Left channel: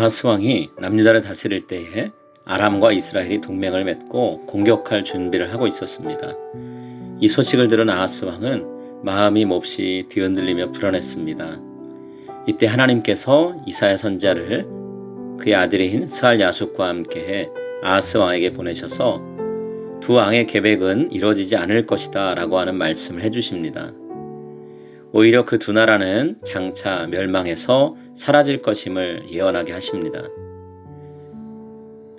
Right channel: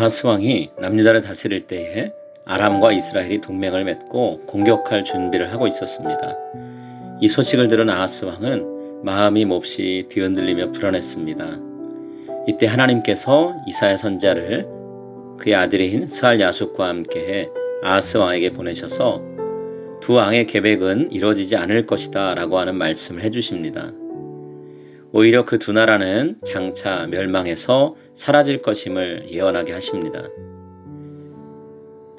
아하스 왕이 남유다를 다스릴 때에 아람과 이스라엘이 동맹을 맺고 공격할 준비를 하고 있었습니다. 이 소식을 들은 아하스 왕은 마음이 몹시 뒤흔들리며 불안했습니다. 이때 하나님께서 이사야 선지자를 그의 아들인 스알 야숫과 함께해 아하스 왕에게 보내셔서 두 왕의 계획은 이루어지지 않을 것이다 라고 하는 말씀을 해주십니다. 오히려 그 두 나라는 장차 멸망해서 사라질 것임을 예언하게 하십니다.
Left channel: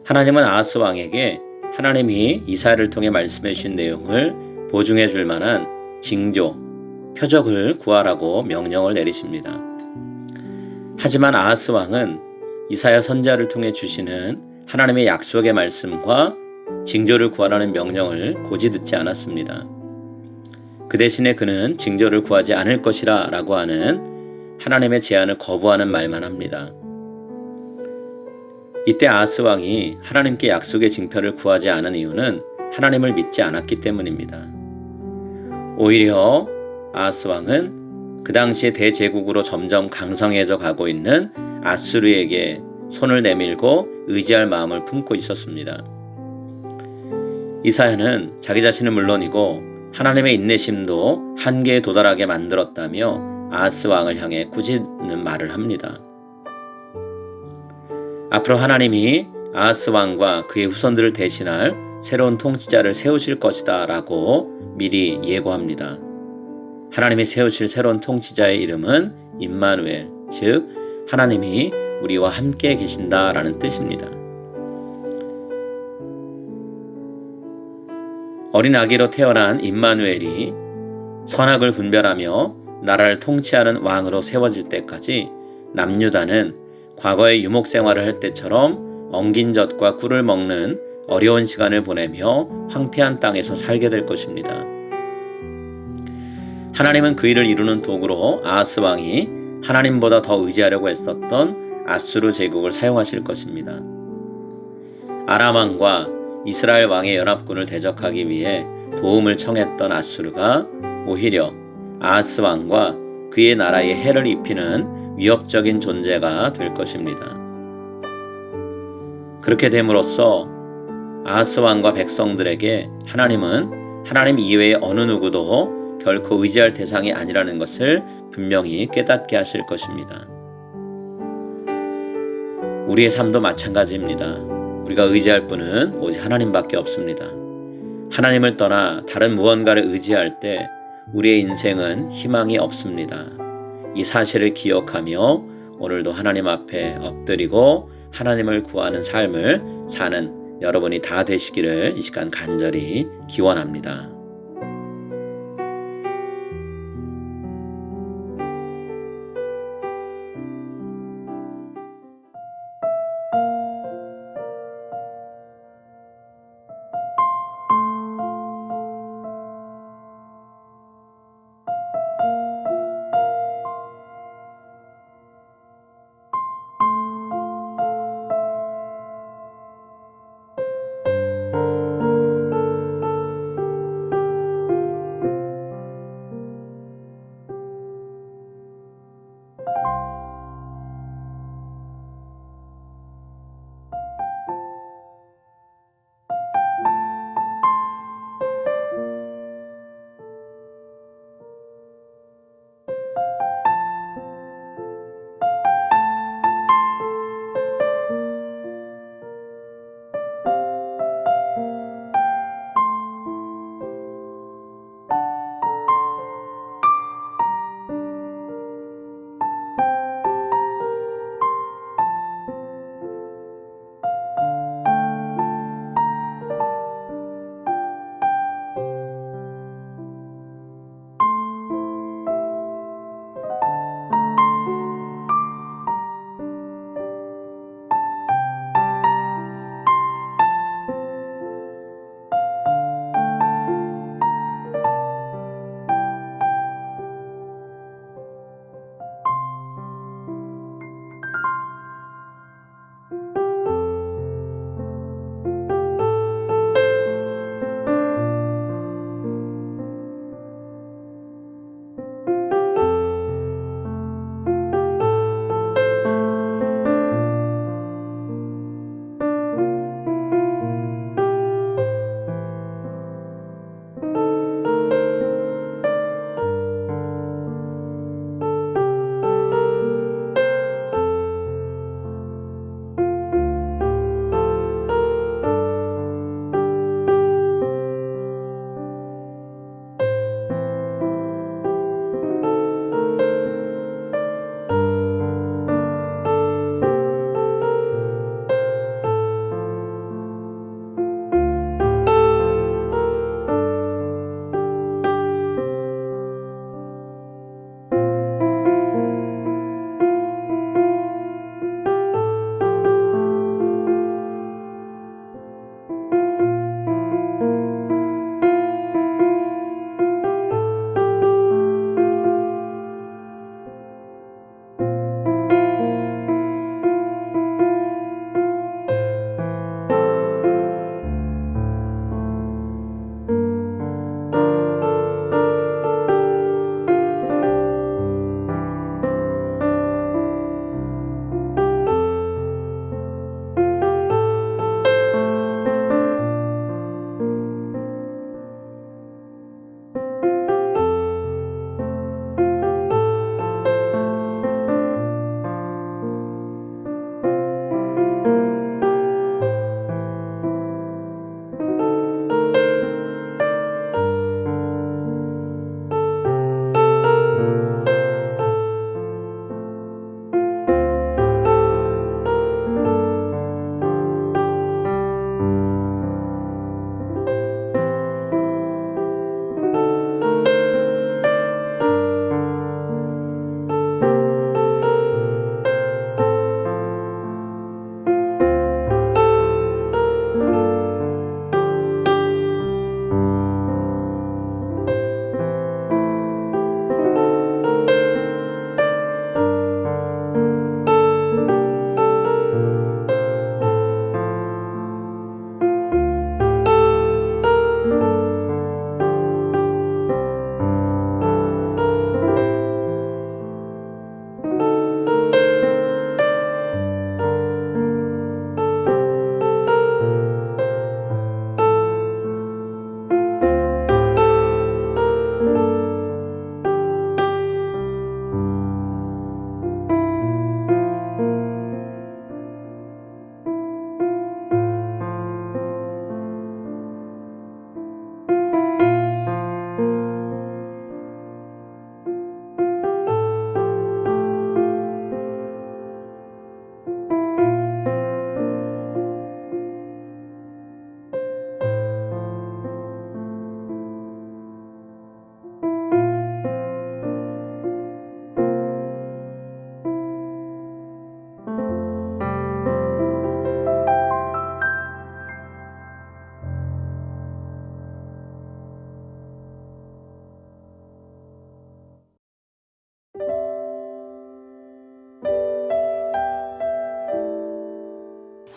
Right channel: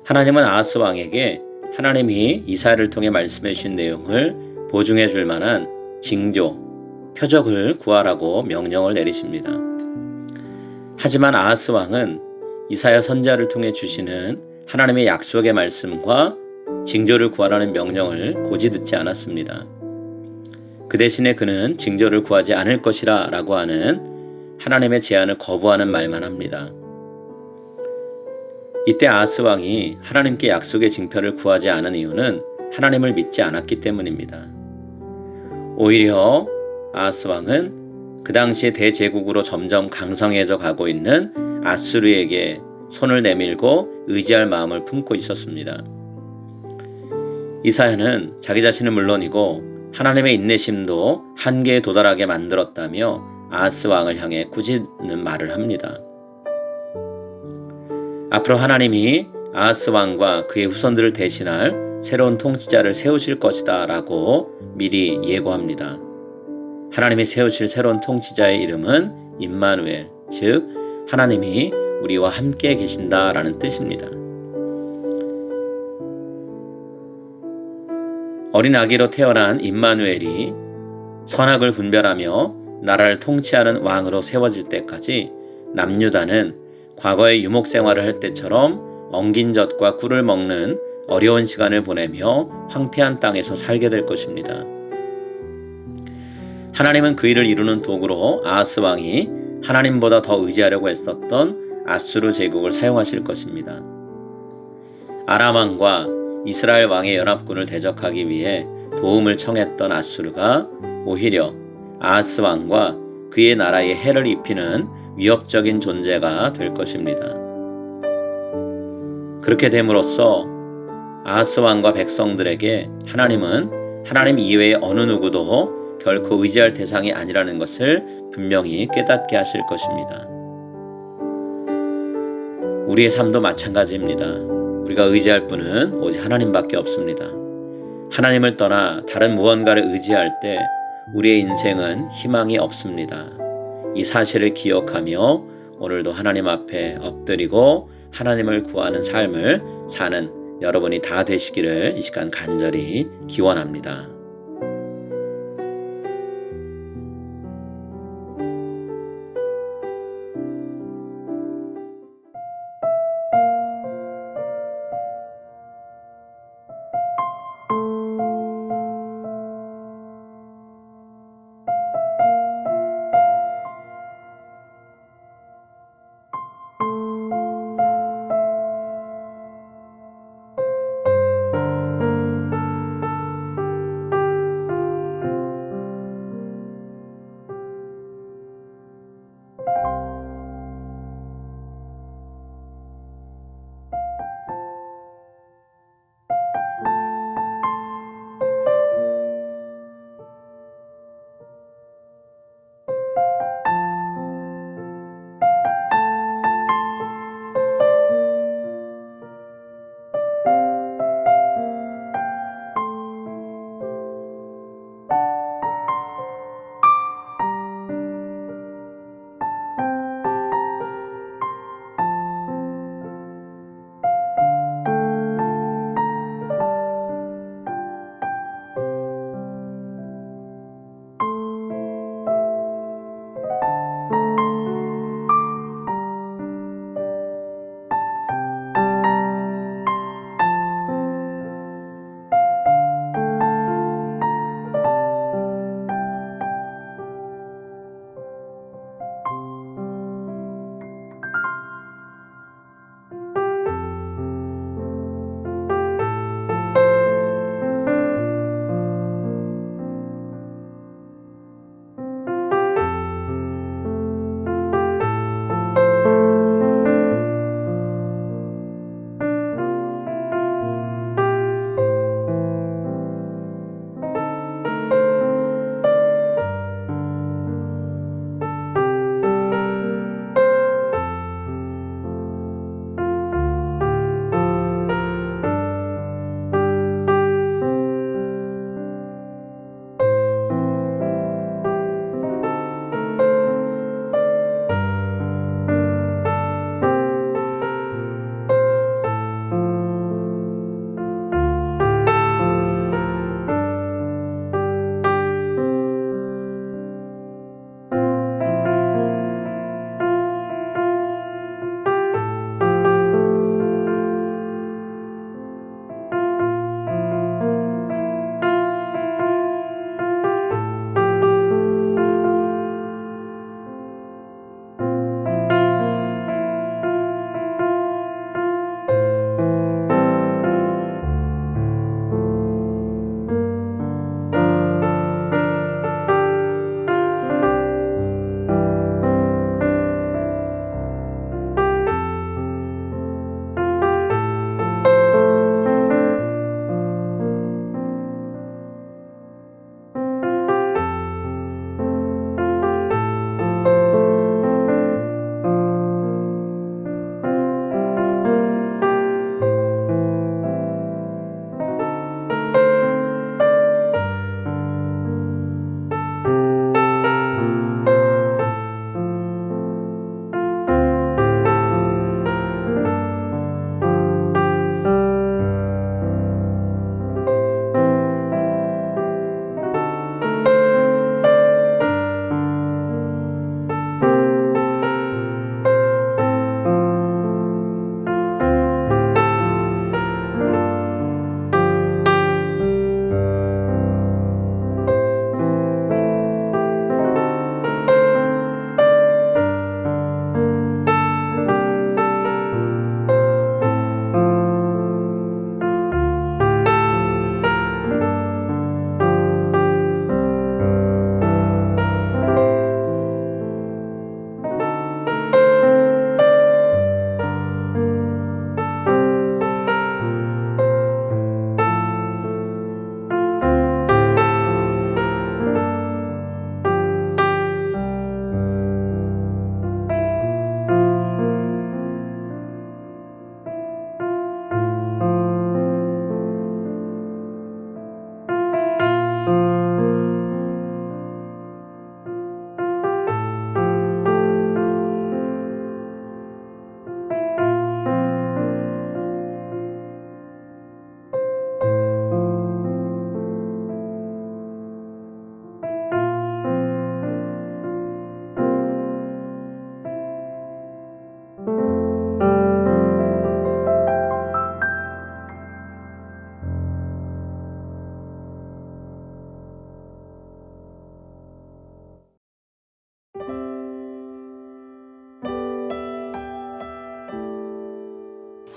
하나님은 아하스 왕에게 하나님이 이사야를 통해 말씀해 주신 내용을 보증해 줄 만한 징조, 표적을 구하라고 명령을 내리십니다. 하지만 아하스 왕은 이사야 선지자를 통해 주시는 하나님의 약속의 말씀과 징조를 구하라는 명령을 고지 듣지 않았습니다. 그 대신에 그는 징조를 구하지 않을 것이라 라고 하는 하나님의 제안을 거부하는 말만 합니다. 이때 아하스 왕이 하나님께 약속의 징표를 구하지 않은 이유는 하나님을 믿지 않았기 때문입니다. 오히려 아하스 왕은 그 당시에 대제국으로 점점 강성해져 가고 있는 아수르에게 손을 내밀고 의지할 마음을 품고 있었습니다. 이사야는 자기 자신은 물론이고 하나님의 인내심도 한계에 도달하게 만들었다며 아하스 왕을 향해 꾸짖는 말을 합니다. 앞으로 하나님이 아하스 왕과 그의 후손들을 대신할 새로운 통치자를 세우실 것이다 라고 미리 예고합니다. 하나님이 세우실 새로운 통치자의 이름은 임마누엘, 즉 하나님이 우리와 함께 계신다 라는 뜻입니다. 어린 아기로 태어난 임마누엘이 선악을 분별하며 나라를 통치하는 왕으로 세워질 때까지 남유다는 과거의 유목 생활을 할 때처럼 엉긴 젖과 꿀을 먹는 어려운 시간을 보내며 황폐한 땅에서 살게 될 것입니다. 하나님은 그 일을 이루는 도구로 아하스 왕이 하나님보다 더 의지하려고 했었던 아수르 제국을 사용하실 것입니다. 아람 왕과 이스라엘 왕의 연합군을 대적하기 위해 도움을 청했던 아수르가 오히려 아하스 왕과 그의 나라에 해를 입히는 위협적인 존재가 될 것입니다. 그렇게 됨으로써 아하스 왕과 백성들에게 하나님은 하나님 이외의 어느 누구도 결코 의지할 대상이 아니라는 것을 분명히 깨닫게 하실 것입니다. 우리의 삶도 마찬가지입니다. 우리가 의지할 분은 오직 하나님밖에 없습니다. 하나님을 떠나 다른 무언가를 의지할 때 우리의 인생은 희망이 없습니다. 이 사실을 기억하며 오늘도 하나님 앞에 엎드리고 하나님을 구하는 삶을 사는 여러분이 다 되시기를 이 시간 간절히 기원합니다.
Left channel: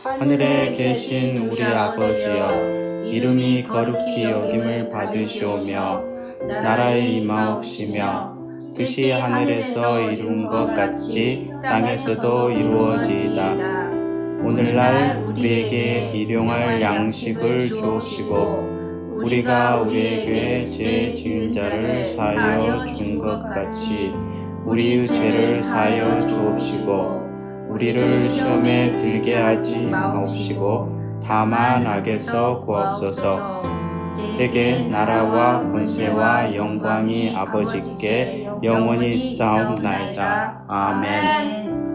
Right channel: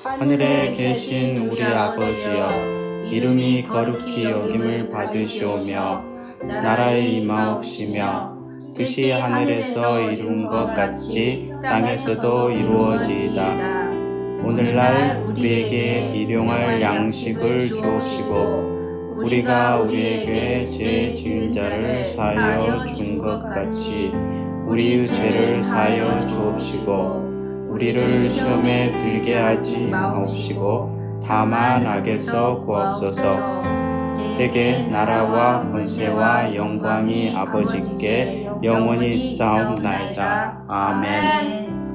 하늘에 계신 우리 아버지여, 이름이 거룩히 여김을 받으시오며 나라의 임하옵시며 뜻이 하늘에서 이룬 것 같이 땅에서도 이루어지이다. 오늘날 우리에게 일용할 양식을 주옵시고 우리가 우리에게 죄 지은 자를 사하여 준 것 같이 우리의 죄를 사하여 주옵시고 우리를 시험에 들게 하지 마옵시고 다만 악에서 구하옵소서. 내게 나라와 권세와 영광이 아버지께 영원히 있사옵나이다. 아멘.